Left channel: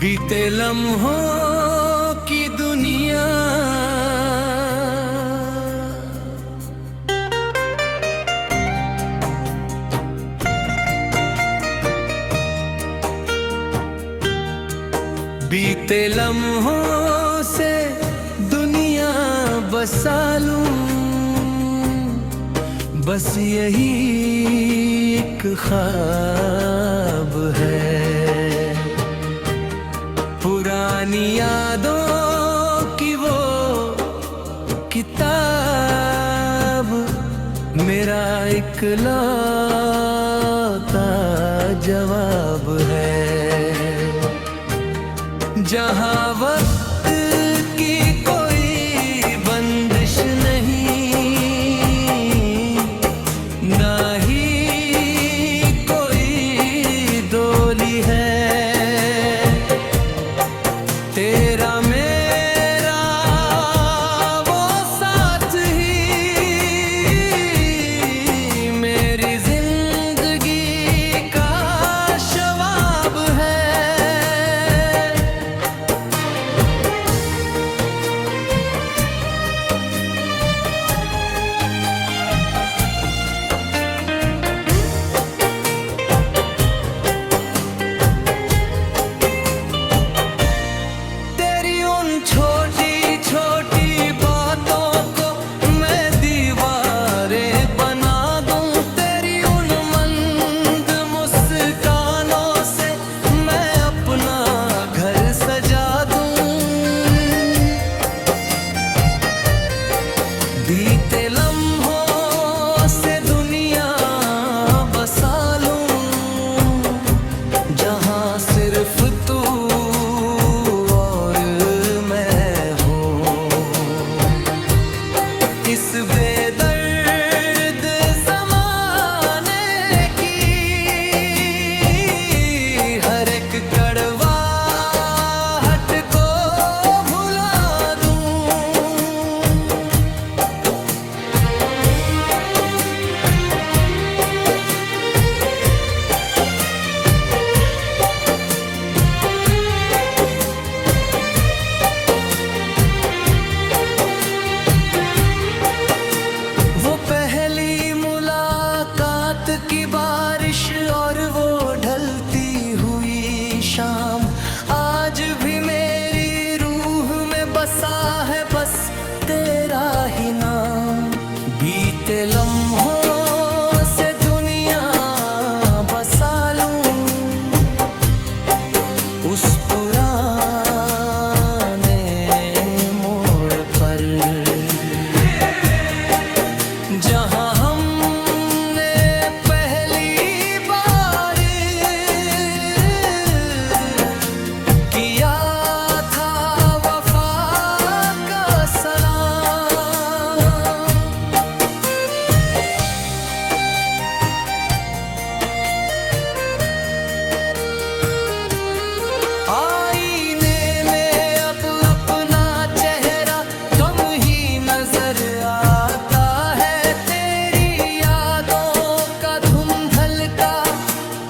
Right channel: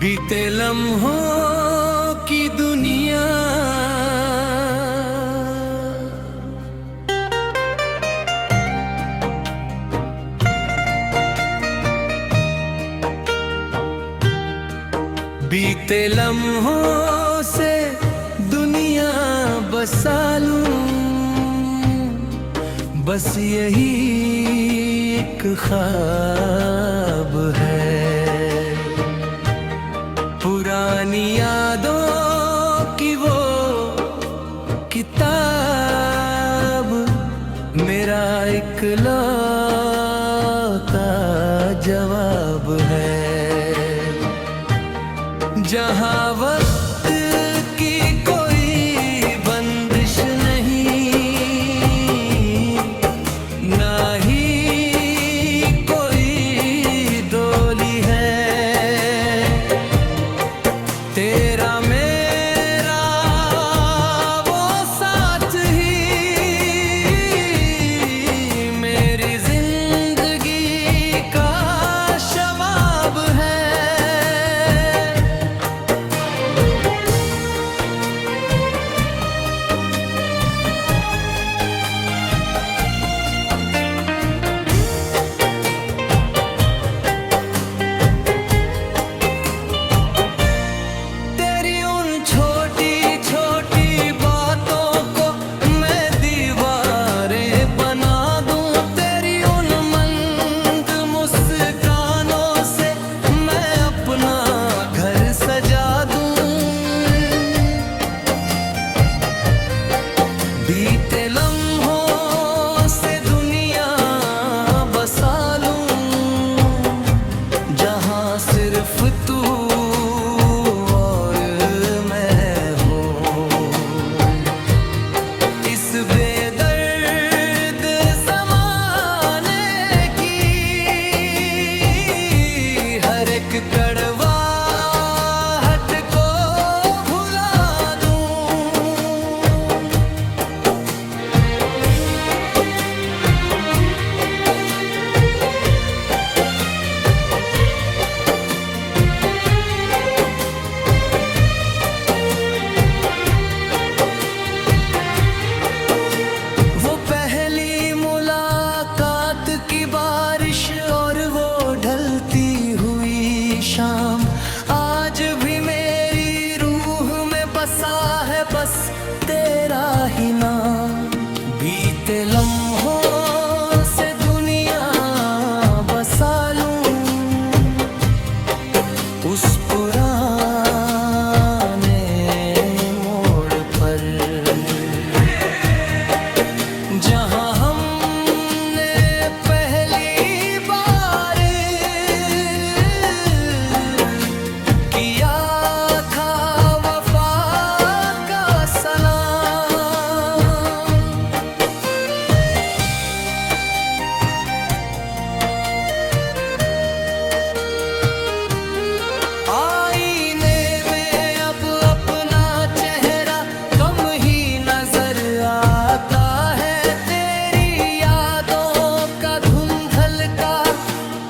बीते लम्हों की दुनिया बीते लम्हों से दुनिया बसा लूं, बस यही एक ख्वाब है। पुरानी यादों की वो किताब मेरा इकलौता जवाब है। जहाँ वक्त की कोई बंदिश नहीं, ना ही कोई डोली है, तेरा मेरा वो साथ ही मेरी जिंदगी का शवाब है। छोटी छोटी बातों को मैं दीवारें बना दूं, तेरी उन मंद मुस्कानों से मैं अपना घर सजा दूं। बीते लम्हों से दुनिया बसा लूं, जहां सिर्फ तू इस बेदर्द ज़माने की हर एक कड़वाहट को भुला दूं। वो पहली मुलाकात की बारिश और वो ढलती हुई शाम आज भी मेरी रूह में बसा है, बस तेरा ही नाम। बीते लम्हों से दुनिया बसा लूं, उस पुराने मोड़ पर जहाँ हमने पहली बार किया था वफा का सलाम। आईने में अब अपना चेहरा कम ही नजर आता है,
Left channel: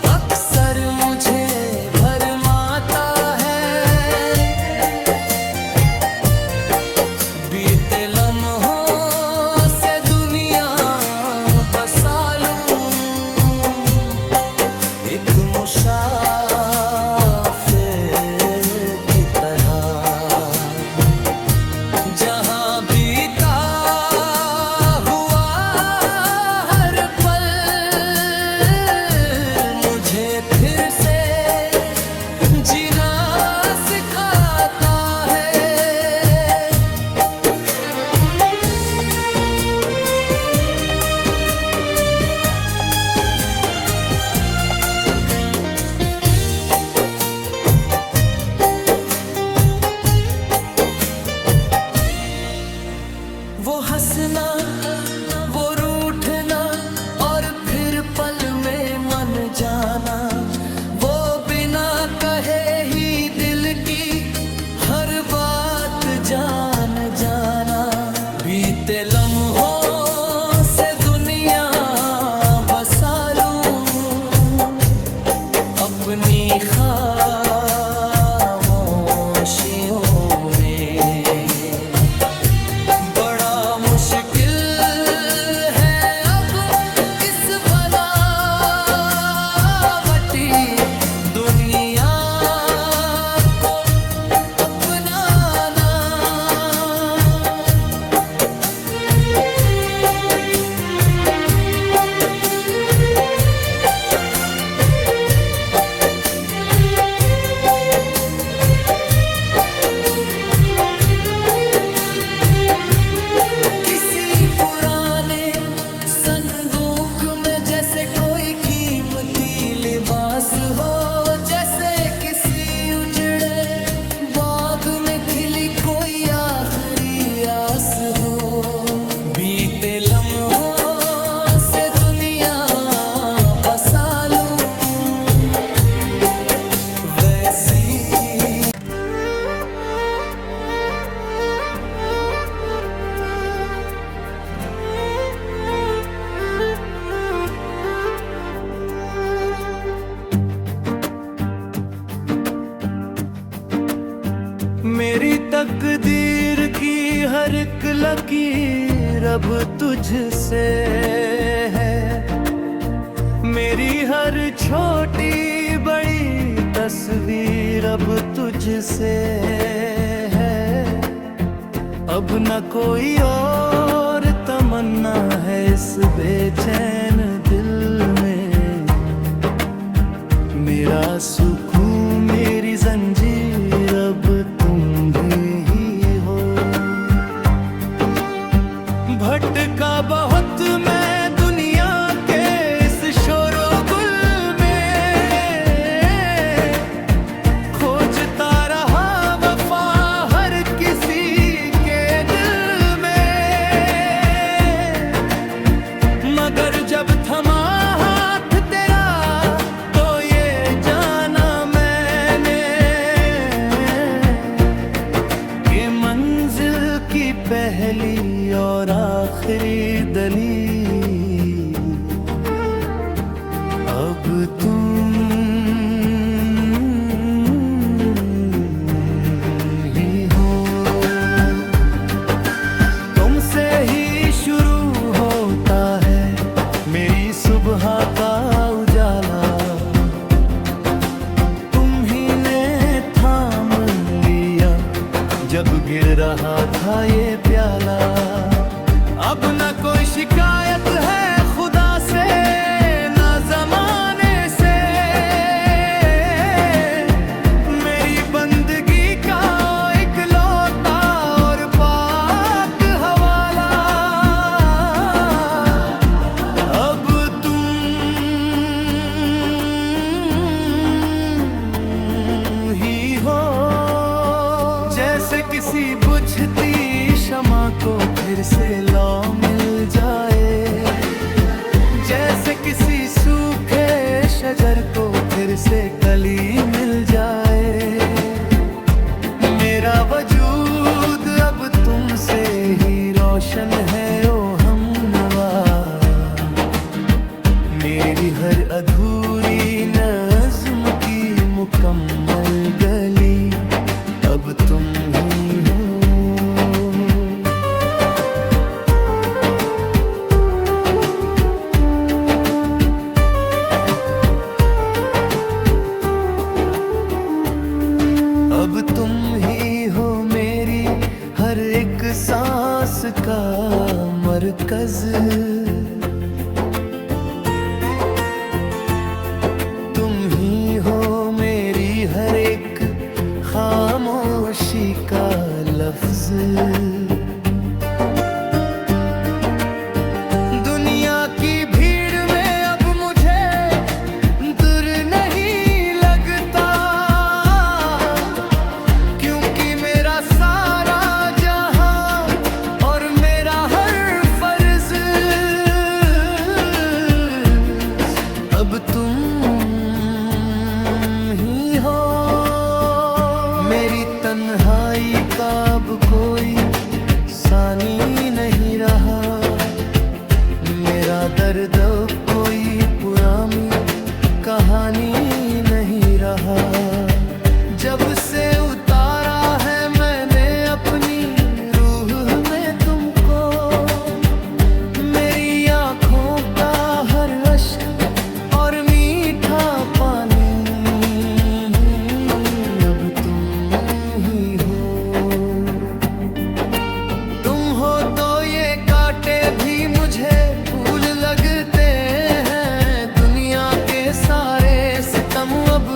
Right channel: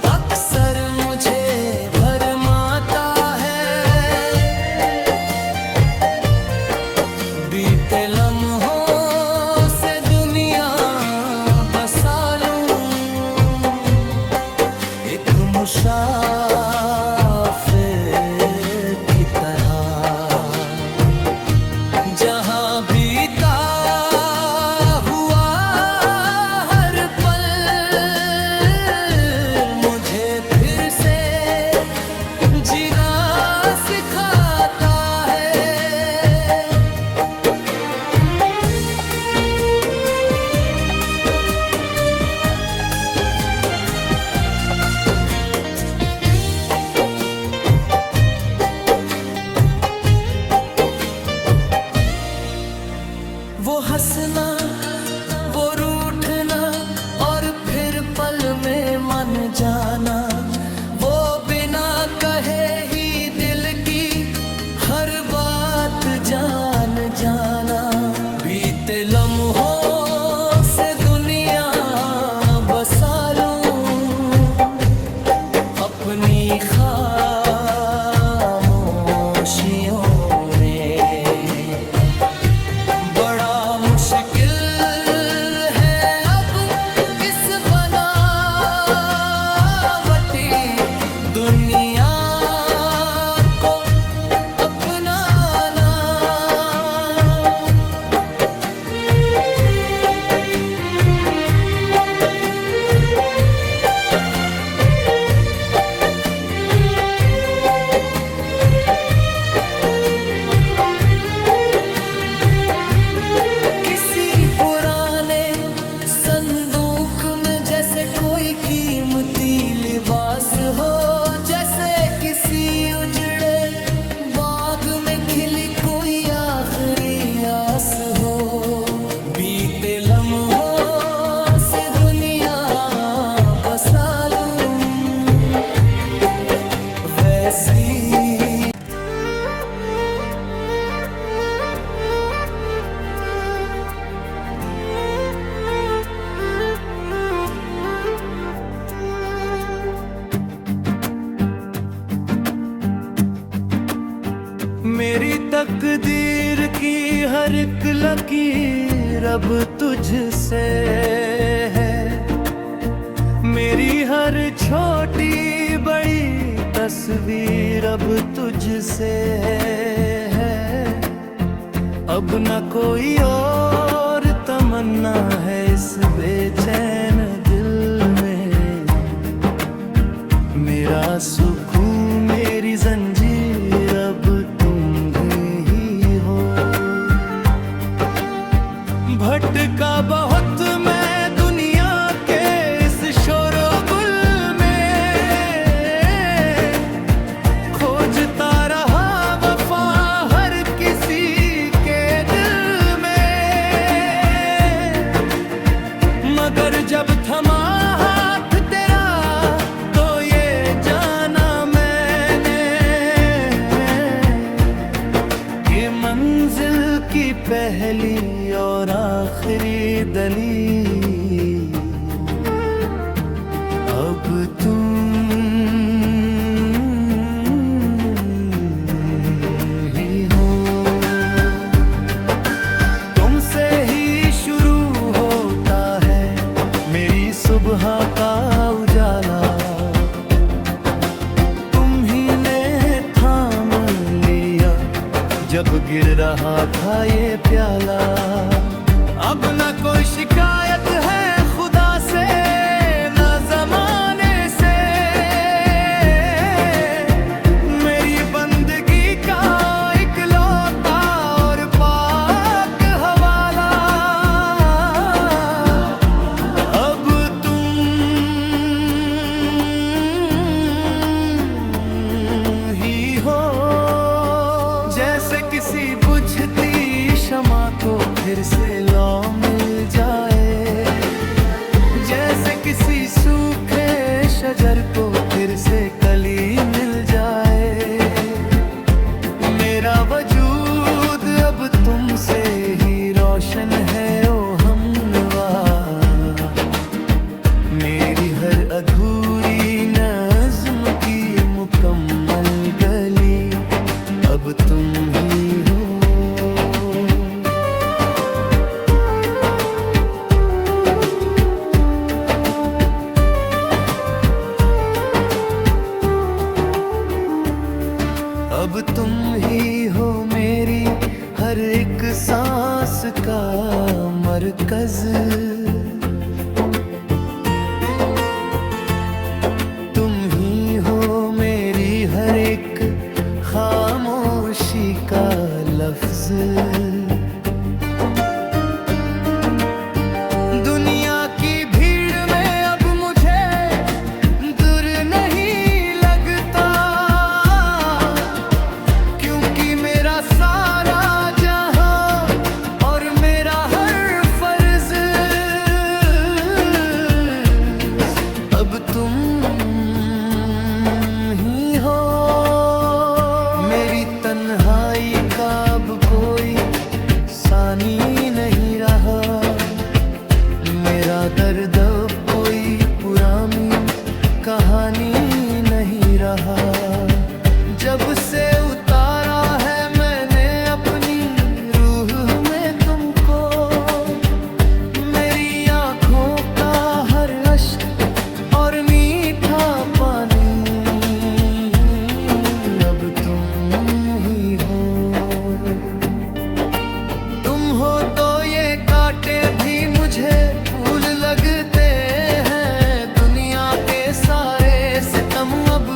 अक्सर मुझे भरमाता है। बीते लम्हों से दुनिया बसा लूं, एक मुसाफिर की तरह, जहां बीता फिर से जीना सिखाता है। वो हंसना, वो रूठना और फिर पल में मन जाना, वो बिना कहे ही दिल की हर बात जान जाना। बीते लम्हों से दुनिया बसा लूं, अपनी खामोशी सदियों में। बड़ा मुश्किल है अब इस बनावटी दुनिया को अपनाना। संदूक में जैसे कोई कीमती लिबास हो, जैसे किसी उजड़े बाग में खिली कोई आखिरी आस हो। बीते लम्हों से दुनिया बसा लूं वैसी। मेरी तकदीर की हर एक लकीर अब तुझसे है। मेरी हर छोटी बड़ी तस्वीर अब तुझसे है। अब न कोई और तमन्ना है इस बेचैन दिल में। मेरा सुकून मेरी जंजीर अब भटका बहुत मैं दुनिया के इस शोर-ओ-गुल में। खोजता रहा वफा हर किसी के दिल में। मगर जब थमा हाथ तेरा तो ये जाना मैंने कि मंजिल की पहली और आखिरी दलील अब तुम ही हो। तुमसे ही शुरू होता है मेरी सुबह का उजाला। तुम ही ने थाम लिया जब गिर रहा था ये प्याला। अब न कोई शिकायत है खुदा से न जमाने से। मेरी बंदगी का इकलौता और पाक हवाला अब तुम ही हो। जैसे किसी बुझती शमा को फिर से लौ मिल जाए। जैसे किसी सूखे शजर को फिर से कली मिल जाए। मेरा वजूद अब तुमसे ही रोशन है ओ हमनवा। मेरी हर अधूरी नज़्म की मुकम्मल गली अब तुम ही हो। अब तुम ही हो मेरी हर एक सांस का मरकज। तुम ही हो मेरी हर एक खामोशी का लफ्ज। दुनिया की भीड़ में अब मुझे दूर नहीं लगता। क्योंकि मेरा सारा जहां और मेरा हर फर्ज अब तुम ही हो। मेरी तन्हाई का अब कोई सानी नहीं रहा। मेरा दर्द अब कोई पुरानी कहानी नहीं रहा। जब से उतारा है कांटे भी मुझे फूल लगते हैं। दुनिया के सारे सितम अब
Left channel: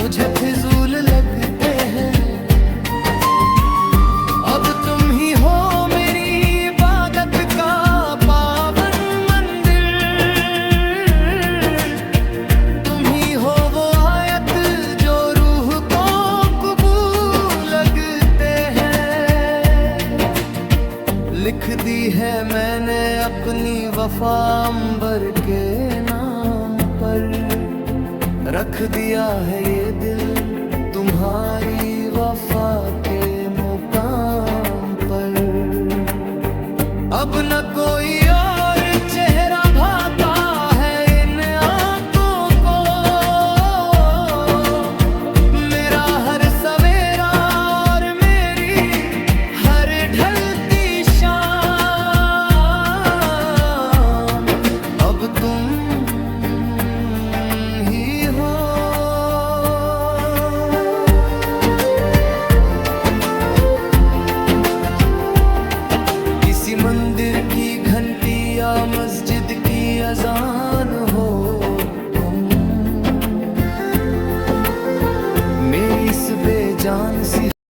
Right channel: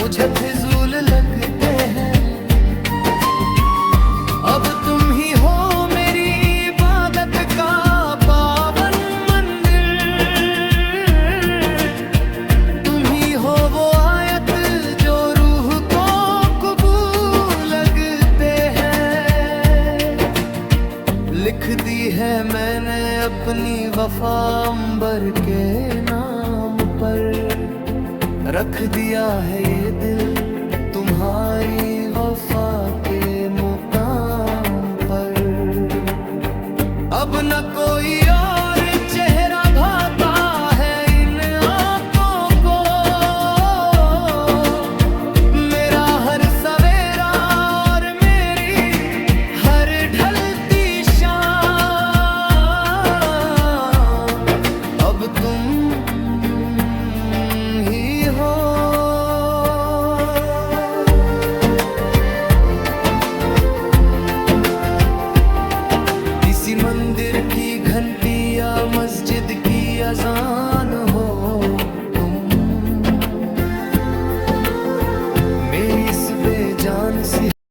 मुझे फिजूल लगते हैं। अब तुम ही हो मेरी इबादत का पावन मंदिर। तुम ही हो वो आयत जो रूह को कबूल लगते हैं। लिख दी है मैंने अपनी वफा अंबर के नाम पर। रख दिया है ये दिल तुम्हारी वफा के मुकाम पर। अब न कोई और चेहरा भाता है इन आंखों को। मेरा हर सवेरा और मेरी हर ढलती शाम अब तुम ही हो। किसी मंदिर की घंटी या मस्जिद की अजान हो तुम। मेरी इस बेजान सी